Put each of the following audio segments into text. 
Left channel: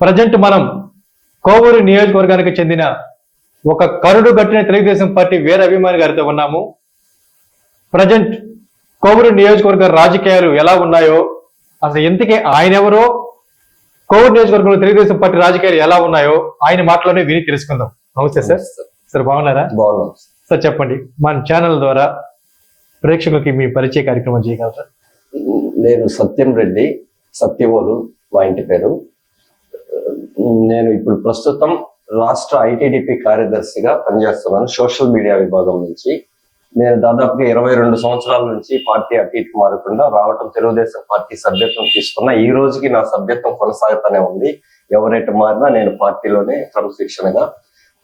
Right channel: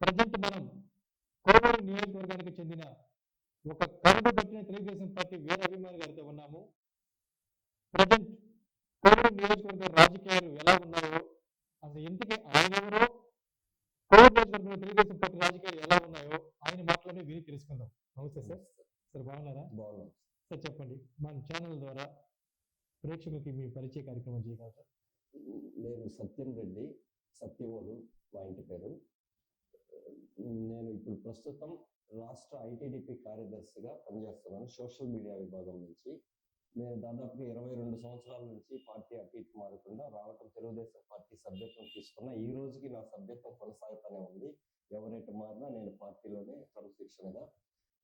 Present మనం కోవూరు నియోజకవర్గానికి చెందిన ఒక కరుడు గట్టిన తెలుగుదేశం పార్టీ వీర అభిమాని గారితో ఉన్నాము. ప్రజెంట్ కోవూరు నియోజకవర్గ రాజకీయాలు ఎలా ఉన్నాయో అసలు ఎందుకే ఆయన ఎవరో కోవూరు నియోజకవర్గంలో తెలుగుదేశం పార్టీ రాజకీయాలు ఎలా ఉన్నాయో ఆయన మాటలోనే విని తెలుసుకుందాం. నమస్తే సార్. సార్ బాగున్నారా? బాగున్నాం. సార్ చెప్పండి. మన ఛానల్ ద్వారా ప్రేక్షకులకి మీ పరిచయ కార్యక్రమం చేయగలరా? నేను సత్యం రెడ్డి సత్యవోలు మా ఇంటి పేరు. నేను ఇప్పుడు ప్రస్తుతం రాష్ట్ర ఐటీడీపీ కార్యదర్శిగా పనిచేస్తున్నాను సోషల్ మీడియా విభాగం నుంచి. నేను దాదాపుగా ఇరవై రెండు సంవత్సరాల నుంచి పార్టీ అటు ఇటు మారకుండా రావటం తెలుగుదేశం పార్టీ సభ్యత్వం తీసుకున్న ఈ రోజుకి నా సభ్యత్వం కొనసాగుతూనే ఉంది. ఎవరైతే మారినా నేను పార్టీలోనే క్రమశిక్షణగా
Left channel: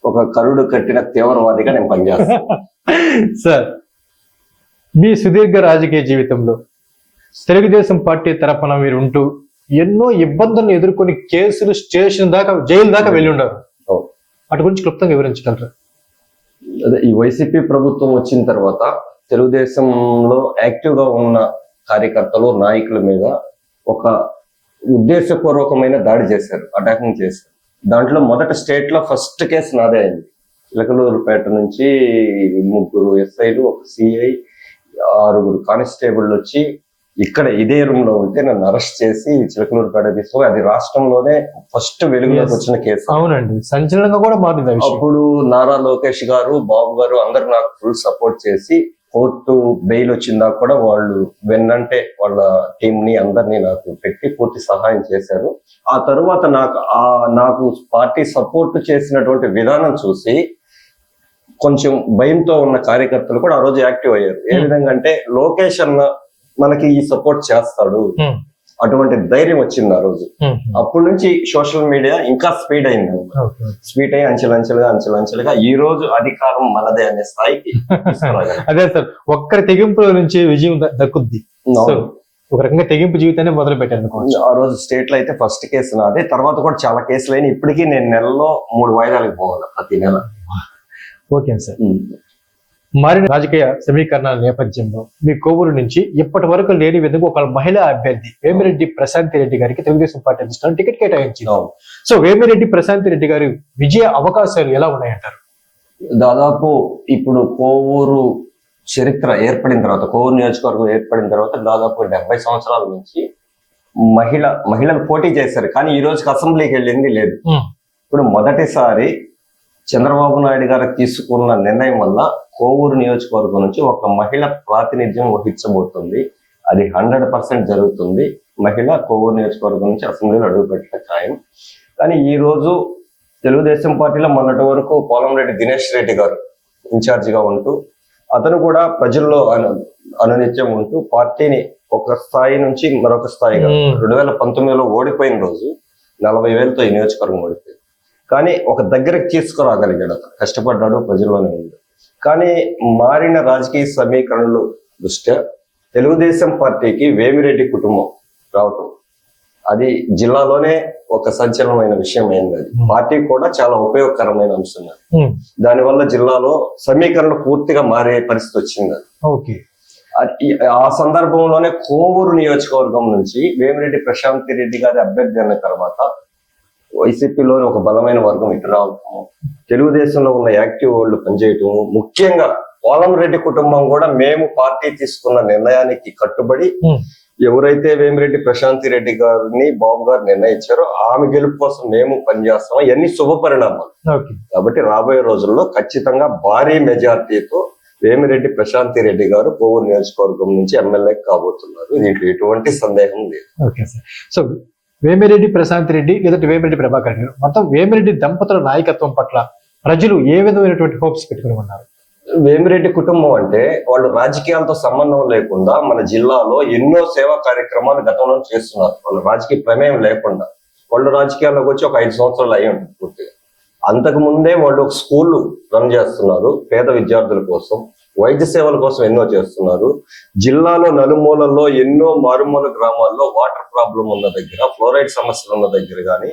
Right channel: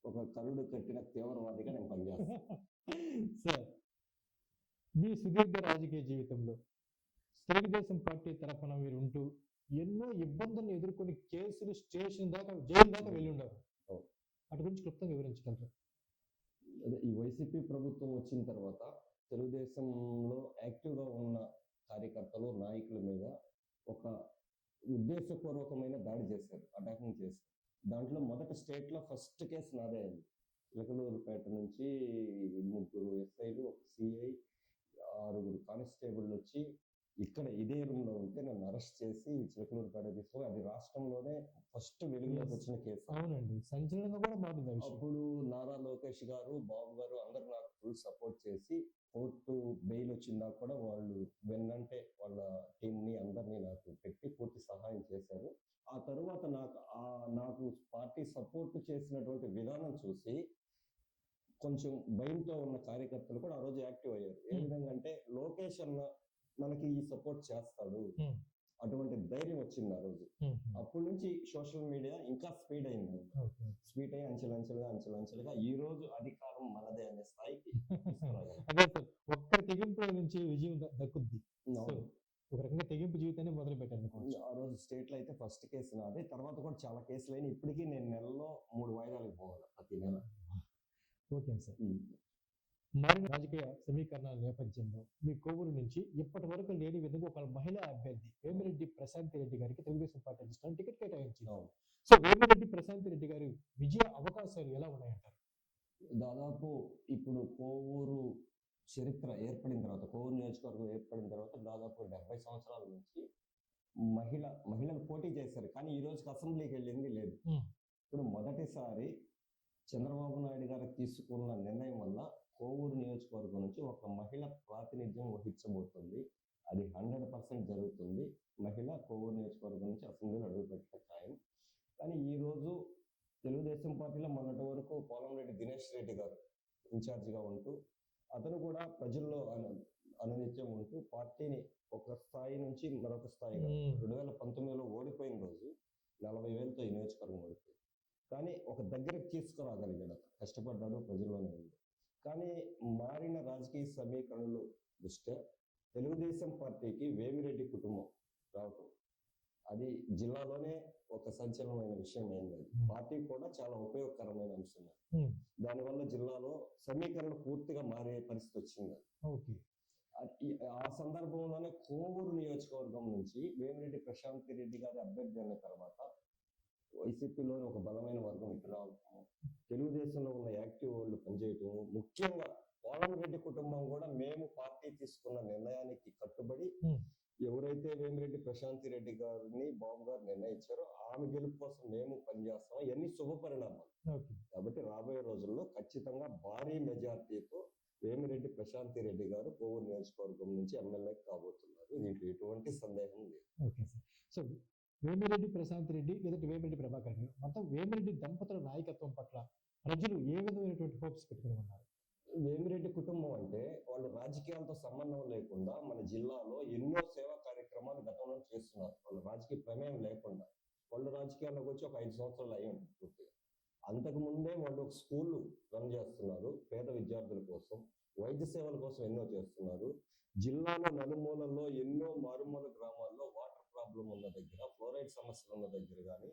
ఒక కరుడు కట్టిన తీవ్రవాదిగా నేను పనిచేస్తాను. సార్ మీ సుదీర్ఘ రాజకీయ జీవితంలో తెలుగుదేశం పార్టీ తరఫున మీరు ఉంటూ ఎన్నో ఇబ్బందులను ఎదుర్కొని కేసులు స్టేషన్ దాకా జైలు దాకా వెళ్ళి అవును. వాటి గురించి క్లుప్తంగా వివరించగలరా? అదే ఈ వైసీపీ ప్రభుత్వం వచ్చిన తర్వాత తెలుగుదేశంలో యాక్టివ్గా ఉన్న కార్యకర్తలు నాయకుల మీద ఒక ఉద్దేశపూర్వకమైన దాడి చేశారు అటాకింగ్ చేశారు. దాంట్లో మొదట స్టేట్లో ఫస్ట్ కేసు నాదే అయింది. చిలకలూరుపేట నుంచి ముగ్గురు ఎస్ఐలు ఒక సిఐ ఆరుగురు కానిస్టేబుల్ వచ్చి ఇక్కడ ఇదే రూమ్లో ఉంటే నన్ను అరెస్ట్ చేసి చిలకలూరుపేట తీసుకుని అది రాష్ట్రంలోనే ఫస్ట్ వెలుగులోకి. వచ్చిన కేసు. అవునండి. సంచలనంగా కూడా మారింది అప్పుడు నారా లోకేష్ గారు బాబు గారు అందరు నాకు ఫుల్ సపోర్ట్ చేసి కోర్టు బెయిల్ వచ్చిందా కూడా వాళ్ళు వెన్నంటే వాళ్ళ టీం ని అందరినీ నాకు పెట్టి పూర్తి సహాయం చేశారు. ఆ తరువాత నాకు ఆ నాకు పార్టీ సపోర్ట్ చేసినటువంటి విధానం చూసి కొంచెం భయంతో ఉన్న కార్యకర్తలు కూడా ఆ రోజు యాక్టివ్ అయ్యారు. ఏ Hmm. విధంగా అంటే లోకేష్ అన్న మనకి ఈ సపోర్ట్ చేస్తాడు. అటువంటి ధైర్యం వచ్చింది ఆ రోజు. అప్పటి నుంచి సోషల్ మీడియా ఇంకా స్పీడ్ అయింది. స్వీట్ అయ్యి అంచెలంచెలుగా అంచెలంచెలుగా ఈ రోజు అధికారం మనదే అనే స్థాయికి. అదే సార్ ఒక్కరి తెగింపుల నుంచి విజయం దక్కుద్ది. ఒక రకంగా తెగింపు జీవితాన్ని మొదలు అనుకోవచ్చు. ఆ రోజు స్టేట్లో అయితే ఫస్ట్ కేసు నాదే. తర్వాత కూడా చాలా కేసులు అయినా ఇప్పటికీ నేను నెలలో మూడు వాయిదాలకు పోవాలి ప్రతి నెల. Okay sir. మారిన రాజకీయ సమీకరణాల నేపథ్యంలో మీ కోవూరు నుంచి ఇప్పటి వరకు లేని విధంగా ఒక మహిళా అభ్యర్థి వేమిరెడ్డి ప్రశాంతి రెడ్డి గారికి తెలుగుదేశం పార్టీ అధిష్టానం టికెట్ కేటాయించింది. సో వేమిరెడ్డి ప్రశాంతి రెడ్డి గారి విజయ అవకాశాలు ఎలా ఉన్నాయంటారు? దాదాపు ఇప్పుడు కోవూరు చరిత్ర ఏర్పడిన తర్వాత కోవూరు నియోజకవర్గం ఏర్పడిన తర్వాత దాదాపు డెబ్బై సంవత్సరాల నుంచి మహిళ మహిళలు పోటీ చేశారు. కానీ ఈ రోజుకి అసెంబ్లీకి వెళ్ళింది లేదు. ఇప్పుడు మొదటిసారి చంద్రబాబు నాయుడు గారు తీసుకున్న నిర్ణయం వల్ల కోవూరు నియోజకవర్గం నుంచి ఒక మహిళ ప్రాతినిధ్యం వహించబోతుంది. అది హండ్రెడ్ పర్సెంట్ జరుగుతుంది. మహిళ కోవూరు నియోజకవర్గం నుంచి అసెంబ్లీలో అడుగుపెట్టడం ఖాయం. కానీ ఈ రోజు తెలుగుదేశం పార్టీలో మొన్నటి వరకు పోలంరెడ్డి దినేష్ రెడ్డి గారు ఇన్ఛార్జ్గా ఉంటూ అతను కూడా ప్రజల్లో అను అనునిత్యం ఉంటూ పార్టీని ఒక స్థాయి నుంచి మరొక స్థాయిగా. రెండు వేల పంతొమ్మిదిలో ఓడిపోయిన రోజు నలభై వేలతో ఈ నియోజకవర్గం ఓడిపోయింది. కానీ ఒక దగ్గరకు తీసుకురాగలిగాడు అతను. కష్టపడ్డాడు ప్రజల్లోనే ఉంది కానీ మారిన రాజకీయ సమీకరణలు దృష్ట్యా తెలుగుదేశం పార్టీకి వేమిరెడ్డి కుటుంబం రావటం. అది జిల్లాలోనే ఒక సంచలనమైన విషయం అయింది అది. పార్టీ కూడా చాలా ఉపయోగకరమైన అంశం దానివల్ల జిల్లాలో సమీకరణలు పూర్తిగా మారే పరిస్థితి వచ్చింది అది. ఆ సందర్భంలోనే కోవూరు నియోజకవర్గం నుంచి వేమిరెడ్డి ప్రశాంతి రెడ్డి గారి అభ్యర్థి అన్న తర్వాత వైసీపీలోని ఒక బలమైన వర్గం ఇటు రావటం తెలుగుదేశంలో ఉన్న యాక్టివ్ వాళ్ళు పనిచేయటం ముఖ్యంగా పోలం రెడ్డి కుటుంబం కూడా మేము పార్టీ తీసుకున్న నిర్ణయానికి కట్టుబడి ఎవరైతే వేమిరెడ్డి ప్రశాంతి రెడ్డి గారిని బాబు గారు నిర్ణయించారో ఆమె గెలుపు కోసం మేము పనిచేస్తాం. ఇవన్నీ శుభ పరిణామాలు. కాబట్టి రాబోయే రోజుల్లో ఖచ్చితంగా భారీ మెజార్టీతో వేమిరెడ్డి ప్రశాంతి రెడ్డి గారు కోవూరు నియోజకవర్గం నుంచి ఎమ్మెల్యే కాబోతున్నారు. దీంట్లో ఎటువంటి సందేహం లేదు. సో వేమిరెడ్డి ప్రశాంత్ రెడ్డి లేదంటే వేమిరెడ్డి ప్రభాకర్ రెడ్డి. మొత్తం వేమిరెడ్డి దంపతుల నాయకత్వం పట్ల ప్రజలు ఏ విధమైనటువంటి హోప్స్ పెట్టుకుని ఉన్నారు? వేమిరెడ్డి కుటుంబం అంటే వాళ్ళు రాజకీయాలతో సంబంధం లేకుండా మన జిల్లాలో ఎన్నో సేవా కార్యక్రమాలు గతంలో చేస్తున్నారు. వాళ్ళు రాజకీయ ప్రమేయం లేకుండా. వాళ్ళు రాజకీయాల్లోకి వచ్చి ఒక ఐదు సంవత్సరాలు అయ్యి ఉంటుంది పూర్తిగా. అంతకు ముందే వాళ్ళు ఒక స్కూల్ రన్ చేస్తున్నారు పేద విద్యార్థుల కోసం. వైద్య సేవల కోసం ఎన్నో చేస్తున్నారు జిల్లాలో నలుమూలల్లో ఎన్నో మారుమూల గ్రామాల్లో వాటర్ ప్రాబ్లం ఉన్న దగ్గర ఫ్లోరైడ్ సమస్యలు ఉన్న దగ్గర కానీ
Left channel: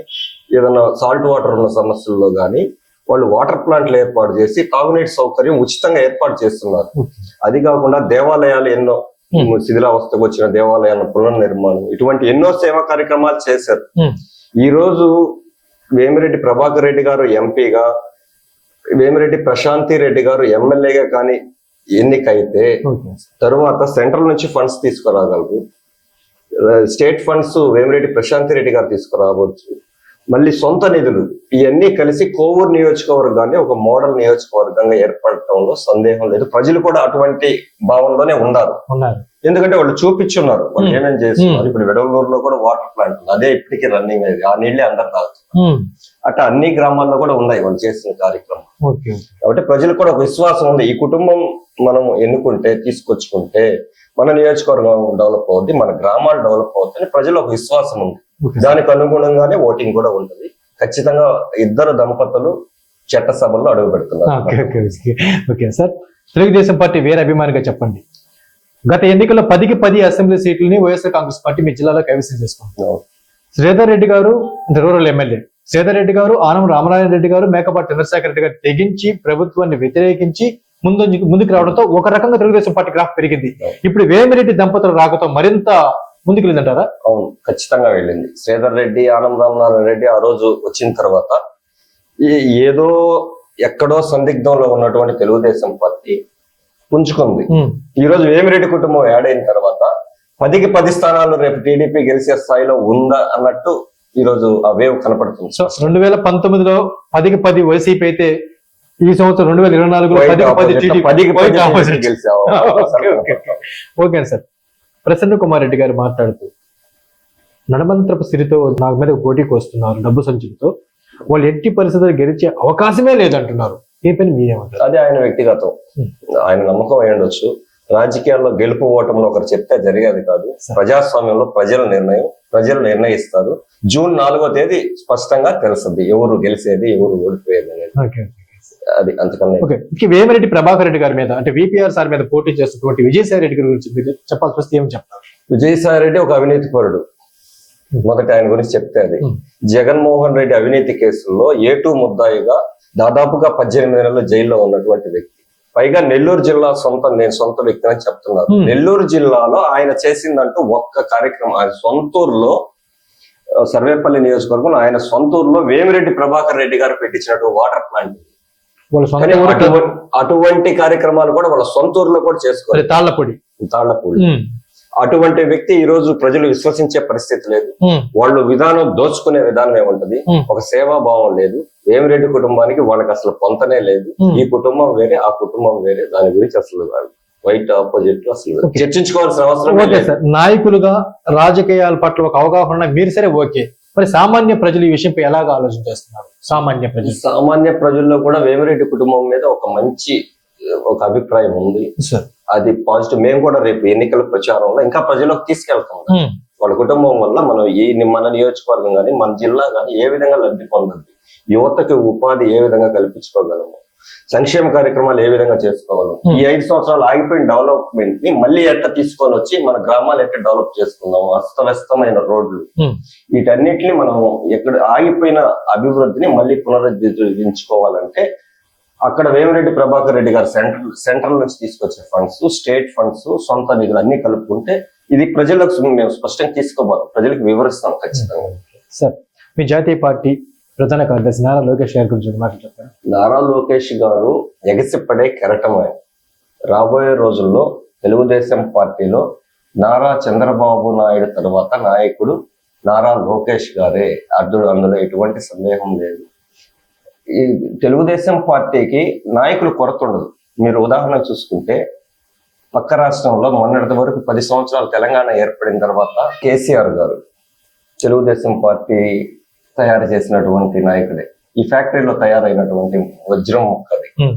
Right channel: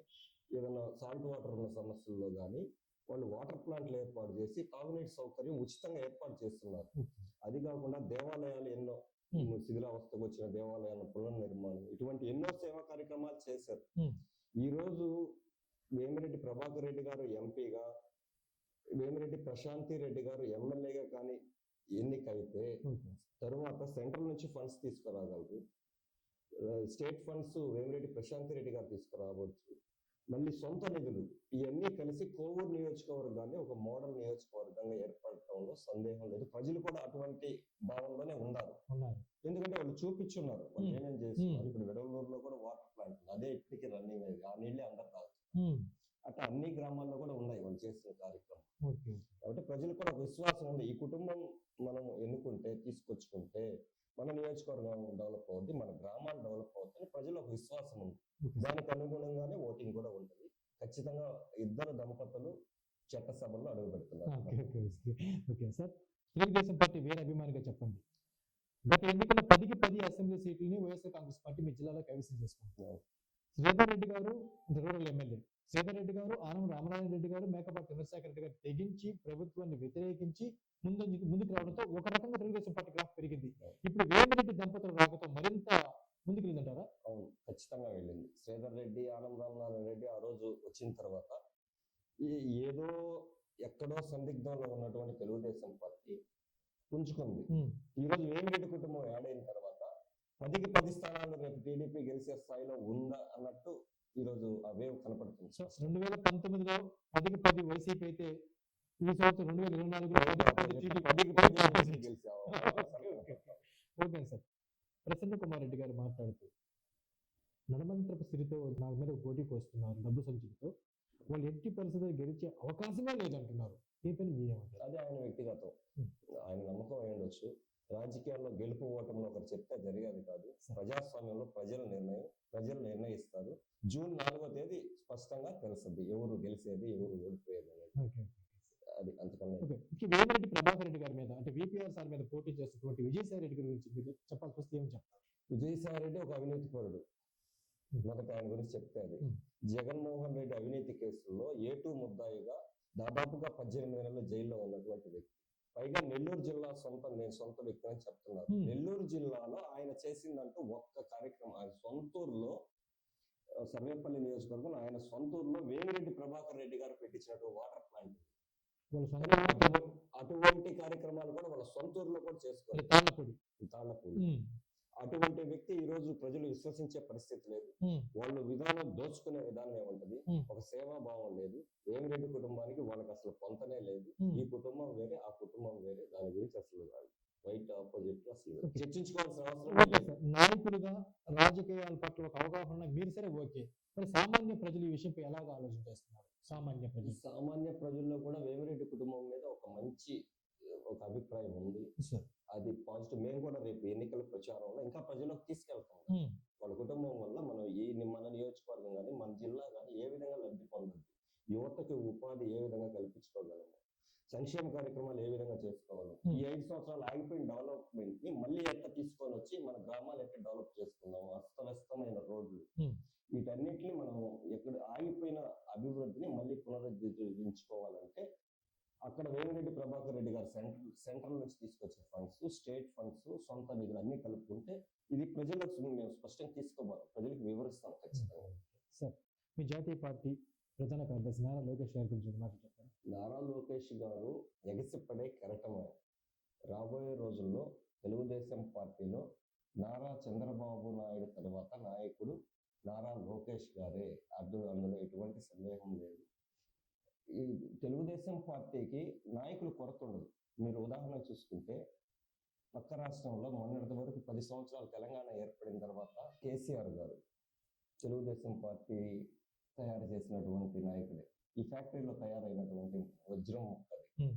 ఏదైనా సాల్ట్ వాటర్ ఉన్న సమస్యల్లో కానీ వాళ్ళు వాటర్ ప్లాంట్లు ఏర్పాటు చేసి తాగునీటి సౌకర్యం ఉచితంగా ఏర్పాటు చేస్తున్నారు అది కాకుండా దేవాలయాలు ఎన్నో. శిథిలావస్థకు వచ్చిన దేవాలయాల పునర్నిర్మాణం ఇటువంటి ఎన్నో సేవా కార్యక్రమాలు చేశారు. ఈ రోజు వేమిరెడ్డి ప్రభాకర్ రెడ్డి గారు ఎంపీగా వేమిరెడ్డి ప్రశాంతి రెడ్డి గారు ఎమ్మెల్యేగా కానీ ఎన్నికైతే తరువాత సెంట్రల్ నుంచి ఫండ్స్ తీసుకురాగలరు. స్టేట్ ఫండ్స్ వేమిరెడ్డి ప్రశాంతి రెడ్డి గారు తీసుకురావచ్చు. మళ్ళీ సొంత నిధులు ఇవన్నీ కలిసి కోవూరు నియోజకవర్గాన్ని ఒక మోడల్ నియోజకవర్గంగా ఏర్పడటంలో సందేహం లేదు. ప్రజలు కూడా అటువంటి భావనలోనే ఉన్నారు. ఎందుకంటే వాళ్ళు చూపించున్నారు వాళ్ళు Hmm. ఏమేం చేస్తున్నారు Hmm. ఇప్పుడు వెడవలూరులో కూడా వాటర్ ప్లాంట్ ఉంది అదే ఇప్పటికీ రన్నింగ్ అయింది ఆ నీళ్ళే అందరు తాగుతారు ఉమ్. అట్లా అన్ని గ్రామాల్లో కూడా ఉన్నాయి వాళ్ళు చేసిన కార్యక్రమం. కాబట్టి ప్రజలకు కూడా ఒక విశ్వాసం ఉంది ఈ కుటుంబం మనం ఎన్నుకుంటే తీసుకొచ్చుకుంటే మన నియోజకవర్గం డెవలప్ అవుద్ది మన గ్రామాలు డెవలప్ అవుతాయి ప్రజలు ఒక విశ్వాసం ఉంది. దానికి అనుగుణంగానే ఓటింగ్ కూడా ఉంటుంది ఖచ్చితంగా ఇద్దరు దంపతులు చట్టసభల్లో అడుగు పెడుతున్నారు. ఓకే సార్ తెలుగుదేశం పార్టీ వేరే అభిమానిగా చెప్పండి గత ఎన్నికల్లో పదికి పది అసెంబ్లీ సీట్లని వైఎస్ఆర్ కాంగ్రెస్ పార్టీ మీ జిల్లాలో కైవసం చేసుకుంది. శ్రీధర్ రెడ్డి గారు రూరల్ ఎమ్మెల్యే. శ్రీధర్ రెడ్డి గారు ఆనం రామనారాయణ రెడ్డి గారు మేకపాటి చంద్రశేఖర్ రెడ్డి గారు తెగించి ప్రభుత్వాన్ని వ్యతిరేకించి ముందు ముందుకు రావడంతో ఒక రకంగా తెలుగుదేశం పార్టీ గ్రాఫ్ పెరిగింది. ఇప్పుడు వేమిరెడ్డి దంపతుల రాకతో మరింత ముందుకు వెళ్ళిందంటారా? అవును ఖచ్చితంగా వెళ్ళింది. శ్రీధర్ రెడ్డి ఆనం రామనారాయణ రెడ్డి ఆ రోజు వచ్చిన తర్వాత ఈ- ఏదో ఎక్కడో సందిగ్ధంలో ఉన్నటువంటి తెలుగుదేశం పార్టీ పుంజుకుంది. ఈ రోజు వేమిరెడ్డి కుటుంబం యాడ్ అయిన తర్వాత పదికి పది స్థానాలు రేపు టీడీపీ గెలిచే స్థాయిలో ఉందా అన్నట్టు ఈ రోజు ఆ వేవ్ కనపడుతుంది. సో రెండు వేల పంతొమ్మిదిలో పదికి పది వైసీపీ అయితే ఈ సంవత్సరం రెండు వేల ఇరవై నాలుగులో పదికి పది ఓకే, సార్. ప్రసన్న కుమార్ రెడ్డి గారు మాట్లాడుతూ నడమంత్రపు సిరితో నాకు మీద పోటీకి వస్తున్నారు డబ్బు సంచులతో వాళ్ళు ఎట్టి పరిస్థితుల్లో గెలిచే అవకాశమే లేదంటున్నారు. ఏ పని మీరేమంటారు? అది ఆయన వ్యక్తిగతం. ఆయన నమ్మకం అయి ఉండొచ్చు. రాజకీయాల్లో గెలుపు ఓటంలో ఒకరు చెప్తే జరిగేది కాదు. ప్రజాస్వామ్యంలో ప్రజల నిర్ణయం ప్రజలు నిర్ణయిస్తారు. జూన్ నాలుగో తేదీ స్పష్టంగా తెలుస్తుంది. ఎవరు గెలిచేది ఎవరు ఓడిపోయేది అనేది. అది అంతకన్నా ఓకే. వేమిరెడ్డి ప్రభాకర్ రెడ్డి గారి మీద అంటే విపిఆర్ సార్ మీద పోటీ చేస్తున్నటువంటి విజయసాయి రెడ్డి గారి గురించి చెప్పాల్సి వస్తే ఏం చెప్తారు? విజయసాయి రెడ్డి ఒక అవినీతి పరుడు. మొదట ఆయన గురించి చెప్తే అది. జగన్మోహన్ రెడ్డి అవినీతి కేసుల్లో ఏటూ ముద్దాయిగా దాదాపుగా పద్దెనిమిది నెలలు జైల్లో ఉన్నటువంటి వ్యక్తి. పైగా నెల్లూరు జిల్లా సొంత నేను సొంత వ్యక్తి అని చెప్తున్నారు. నెల్లూరు జిల్లాలో ఆయన చేసిందంటూ ఒక్క కార్యక్రమం ఆయన సొంతూరులో సర్వేపల్లి నియోజకవర్గం ఆయన సొంతూరులో వేమిరెడ్డి ప్రభాకర్ రెడ్డి గారు పెట్టించినట్టు వాటర్ ప్లాంట్. అటువంటి కార్యక్రమాలు కూడా వాళ్ళ సొంతూరులో కూడా చేసుకోవాలి. తాళ్ళపొడి తాళ్ళపూడి ఉమ్, అటువంటి వ్యక్తి ఈ రోజు ప్రజలు విశ్వసించే పరిస్థితి లేదు. వాళ్ళు విధానం దోచుకునే విధానం ఏముంటది. ఒక సేవా భావం లేదు. వేమిరెడ్డి కుటుంబానికి వాళ్ళకి అసలు పొంతనే లేదు. ఈ కుటుంబం వేరే ఆ కుటుంబం వేరే. దాని గురించి అసలు వైట్ ఆపోజిట్ అసలు. చర్చించుకోవాల్సిన అవసరం ఓకే సార్. నాయకులుగా రాజకీయాల పట్ల ఒక అవగాహన మీరు సరే ఓకే. మరి సామాన్య ప్రజలు ఈ విషయంపై ఎలాగ ఆలోచన చేస్తున్నారు? సామాన్య ప్రజలు. సామాన్య ప్రజల్లో కూడా వేమిరెడ్డి కుటుంబం మీద ఒక మంచి ఒక అభిప్రాయం ఉంది. సార్. అది పాజిటివ్ మేము కూడా రేపు ఎన్నికల ప్రచారంలో ఇంకా ప్రజలకు తీసుకెళ్తాం. వాళ్ళ కుటుంబం వల్ల మనం ఈ మన నియోజకవర్గం కానీ మన జిల్లా కానీ ఏ విధంగా లబ్ధి పొందద్దు యువతకి ఉపాధి ఏ విధంగా కల్పించుకోగలము? సంక్షేమ కార్యక్రమాలు ఏ విధంగా చేసుకోగలం Hmm. ఈ ఐదు సంవత్సరాలు ఆగిపోయిన డెవలప్మెంట్ని మళ్ళీ ఎట్లా తీసుకొని వచ్చి మన గ్రామాలు ఎట్లా డెవలప్ చేసుకుందాం అస్తవ్యస్తమైన రోడ్లు. వీటన్నిటిని మనం ఎక్కడ ఆగిపోయిన అభివృద్ధిని మళ్ళీ పునరుద్ధరించుకోవాలంటే అక్కడ వేమిరెడ్డి ప్రభాకర్ రెడ్డి గారు సెంట్రల్ సెంట్రల్ నుంచి తీసుకొచ్చే ఫండ్స్ స్టేట్ ఫండ్స్ సొంత నిధులు అన్ని కలుపుకుంటే ఇది ప్రజలకు మేము స్పష్టంగా తీసుకోబోతాం. ప్రజలకు వివరిస్తాం ఖచ్చితంగా. సార్ మీ జాతీయ పార్టీ ప్రధాన కార్యదర్శి నారా లోకేష్ గారి గురించి మాటలు చెప్పారు నారా లోకేష్ గారు ఎగసిపడే కెరటం ఆయన. రాబోయే రోజుల్లో తెలుగుదేశం పార్టీలో నారా చంద్రబాబు నాయుడు తర్వాత నాయకుడు నారా లోకేష్ గారే. అర్ధుడు అందులో ఎటువంటి సందేహం లేదు. ఈ తెలుగుదేశం పార్టీకి నాయకులు కొరత ఉండదు. మీరు ఉదాహరణ చూసుకుంటే పక్క రాష్ట్రంలో మొన్నటి వరకు పది సంవత్సరాలు తెలంగాణ ఏర్పడిన తర్వాత కేసీఆర్ గారు తెలుగుదేశం పార్టీ తయారు చేసినటువంటి నాయకుడే ఈ ఫ్యాక్టరీలో తయారైనటువంటి వజ్రం ముక్కది ఉమ్,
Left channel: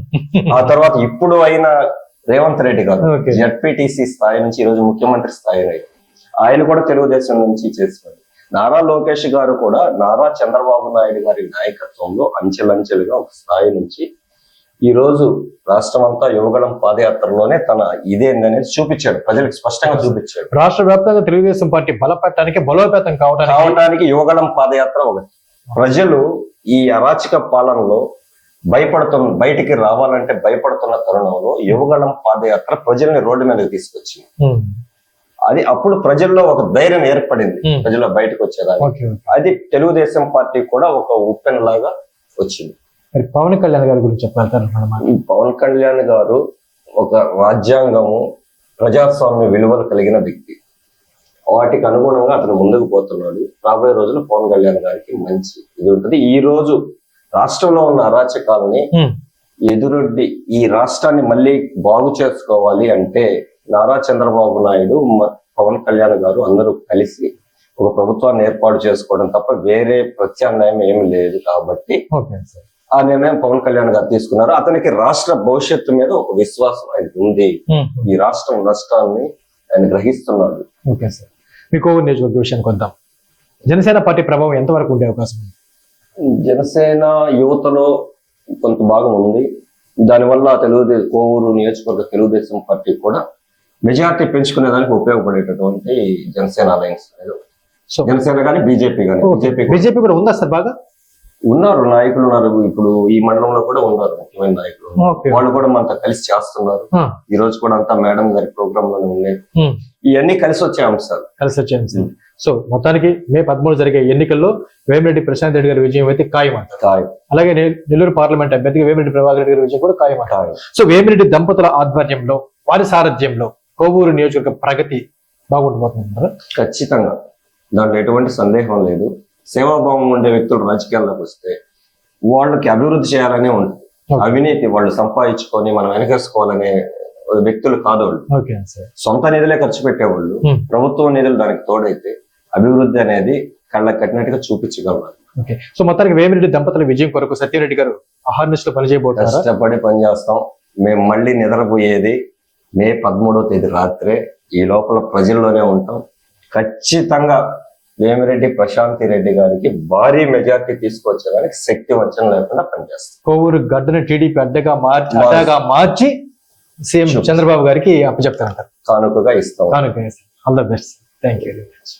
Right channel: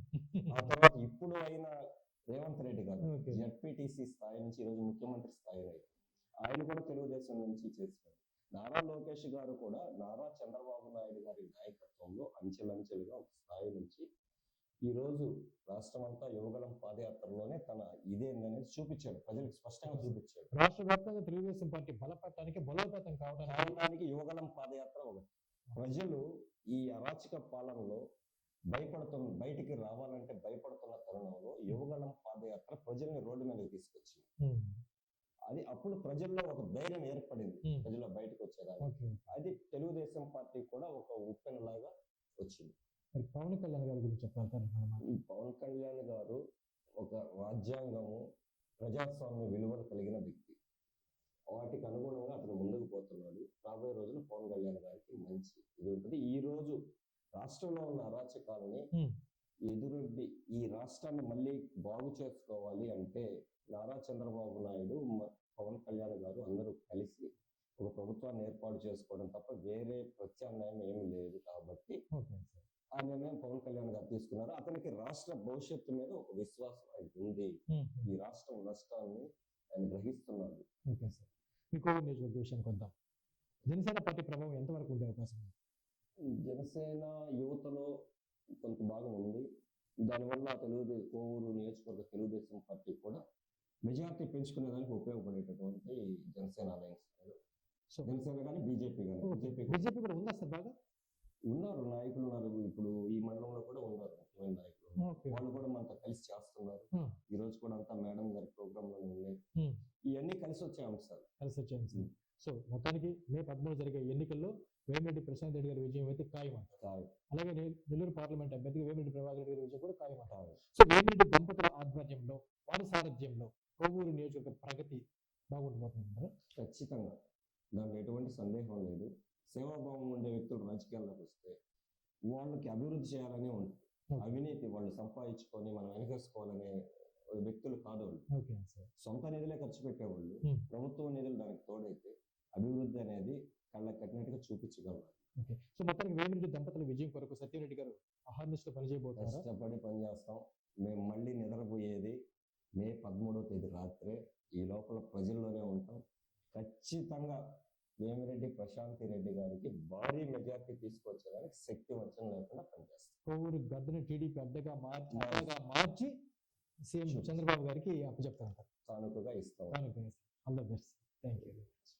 ఆ తర్వాత ఇప్పుడు అయిన రేవంత్ రెడ్డి గారు. జడ్పీటీసీ స్థాయి నుంచి ఈ రోజు ముఖ్యమంత్రి స్థాయి ఆయన కూడా తెలుగుదేశం నుంచి చేస్తున్నారు నారా లోకేష్ గారు కూడా నారా చంద్రబాబు నాయుడు గారి నాయకత్వంలో అంచెలంచెలుగా ఒక స్థాయి నుంచి ఈ రోజు రాష్ట్రం అంతా యువగళం పాదయాత్రలోనే తన ఇదేందనేది చూపించాడు. ప్రజలకు స్పష్టంగా చూపించాడు. రాష్ట్ర వ్యాప్తంగా తెలుగుదేశం పార్టీ బలపెట్టడానికి బలోపేతం కావడానికి కావడానికి యువగళం పాదయాత్ర ఒకటి ప్రజలు ఈ అరాచక పాలనలో భయపడుతున్న బయటికి రావాలంటే భయపడుతున్న తరుణంలో యువగళం పాదయాత్ర ప్రజల్ని రోడ్డు మీదకి తీసుకొచ్చింది. అది అప్పుడు ప్రజల్లో ఒక ధైర్యం ఏర్పడింది. Hmm. ప్రజల్లో బయటకు వచ్చేదాన్ని ఓకే. అది తెలుగుదేశం పార్టీ కూడా ఒక ఉప్పెన్ లాగా వచ్చింది. మరి పవన్ కళ్యాణ్ గారి గురించి చెప్పాలి పవన్ కళ్యాణ్ గారు ఒక రాజ్యాంగము ప్రజాస్వామ్య విలువలు కలిగిన వ్యక్తి. వాటికి అనుగుణంగా అతను ముందుకు పోతున్నాడు. రాబోయే రోజుల్లో పవన్ కళ్యాణ్ గారికి మంచి ఇది ఉంటుంది. ఈ రోజు రాష్ట్రంలో ఉన్న అరాచకాలని Hmm. ఎదురొడ్డి ఈ రాష్ట్రాన్ని మళ్ళీ బాగు చేసుకోవాలి అంటే నారా చంద్రబాబు నాయుడు పవన్ కళ్యాణ్ గారు అందరూ కలిసి ఒక ప్రభుత్వాన్ని ఏర్పాటు చేసుకోవడం తప్ప వేరే ప్రత్యామ్నాయం ఏమి లేదు కాబట్టి ఆ నిర్ణయం పవన్ కళ్యాణ్ గారు తీసుకున్నారు. అతనికి రాష్ట్ర భవిష్యత్తు మీద ఒక విశ్వాసం ఆయనకు ఉంది. ఈ రాష్ట్రం నష్టాన్ని ఆయన గ్రహిస్తున్నాడు ఓకే సార్. మీ కోవూరు నియోజకవర్గ విషయానికి వద్దాం. జనసేన పార్టీ ప్రభావం ఎంతవరకు ఉండే అవకాశం ఉంది? జనసేన యువతలో కొంత భాగం ఉంది. దానివల్ల తెలుగుదేశం కోవూరు నియోజకవర్గ తెలుగుదేశం పార్టీ కూడా మెజార్టీ పెంచుకునేదానికి ఉపయోగపడేటటువంటి జనసేన అలయన్స్ అనేది. సో జనసేన కానీ బీజేపీ కానీ బీజేపీ బీజేపీ కూడా ఉందా సార్ బాగా? ఉన్నారు నాయకులు ఉన్నారు. ఇప్పుడు ఈ మండలంలో కూడా ఉన్నారు ముఖ్యమైన నాయకులు. వాళ్ళు కూడా మనతో కలిసి చేస్తున్నారు. ఈ రోజు కూడా అంతా మేడం గారి ప్రోగ్రామ్లోనే ఉన్నాయి ఇవన్నీ కలిసి వచ్చే అంశాలు కలిసి వచ్చాను సార్. సో మొత్తానికి మే పదమూడు జరిగే ఎన్నికల్లో వేమిరెడ్డి ప్రశాంత్ రెడ్డి గారి విజయం అయితే ఖాయం ఖాయం, అలాగే నెల్లూరు పార్లమెంట్ అభ్యర్థిగా వేమిరెడ్డి ప్రభాకర్ రెడ్డి గారి విజయం కూడా ఖాయం. సో వేమిరెడ్డి దంపతుల ఆధ్వర్యంలో వారి సారథ్యంలో కోవూరు నియోజకవర్గ ప్రగతి బాగుండబోతున్నారు ఖచ్చితంగా. దాంట్లో ఎటువంటి సందేహం లేదు. సేవాభావం ఉండే వ్యక్తులు రాజకీయాల్లోకి వస్తే వాళ్ళకి అభివృద్ధి చేయాలనే ఉంటుంది. అవినీతి వాళ్ళు సంపాదించుకొని మనం వెనకేసుకోవాలనే వ్యక్తులు కాదు వాళ్ళు సొంత నిధులే ఖర్చు పెట్టేవాళ్ళు. Hmm. ప్రభుత్వ నిధులు దానికి తోడైతే అభివృద్ధి అనేది కళ్ళకి కట్టినట్టుగా చూపించగలరు. ఓకే. సో మొత్తానికి వేమిరెడ్డి దంపతుల విజయం కొరకు సత్యరెడ్డి గారు అహార్నిస్లో పనిచేయబోతున్నారా? కష్టపడి పనిచేస్తాం. మేము మళ్ళీ నిద్రపోయేది మే పదమూడవ తేదీ రాత్రే ఈ లోపల ప్రజల్లోనే ఉంటాం. ఖచ్చితంగా వేమిరెడ్డి ప్రశాంతి రెడ్డి గారికి భారీ మెజార్టీ తీసుకొచ్చేదానికి శక్తి వంచన లేకుండా పనిచేస్తాం. కోవూరు గడ్డను టీడీపీ అడ్డగా మార్చి అడ్డగా మార్చి సీఎం. చంద్రబాబు గారికి అప్పచెప్తారంటారు కానుకగా ఇస్తాం. కానుక all the best thank you very much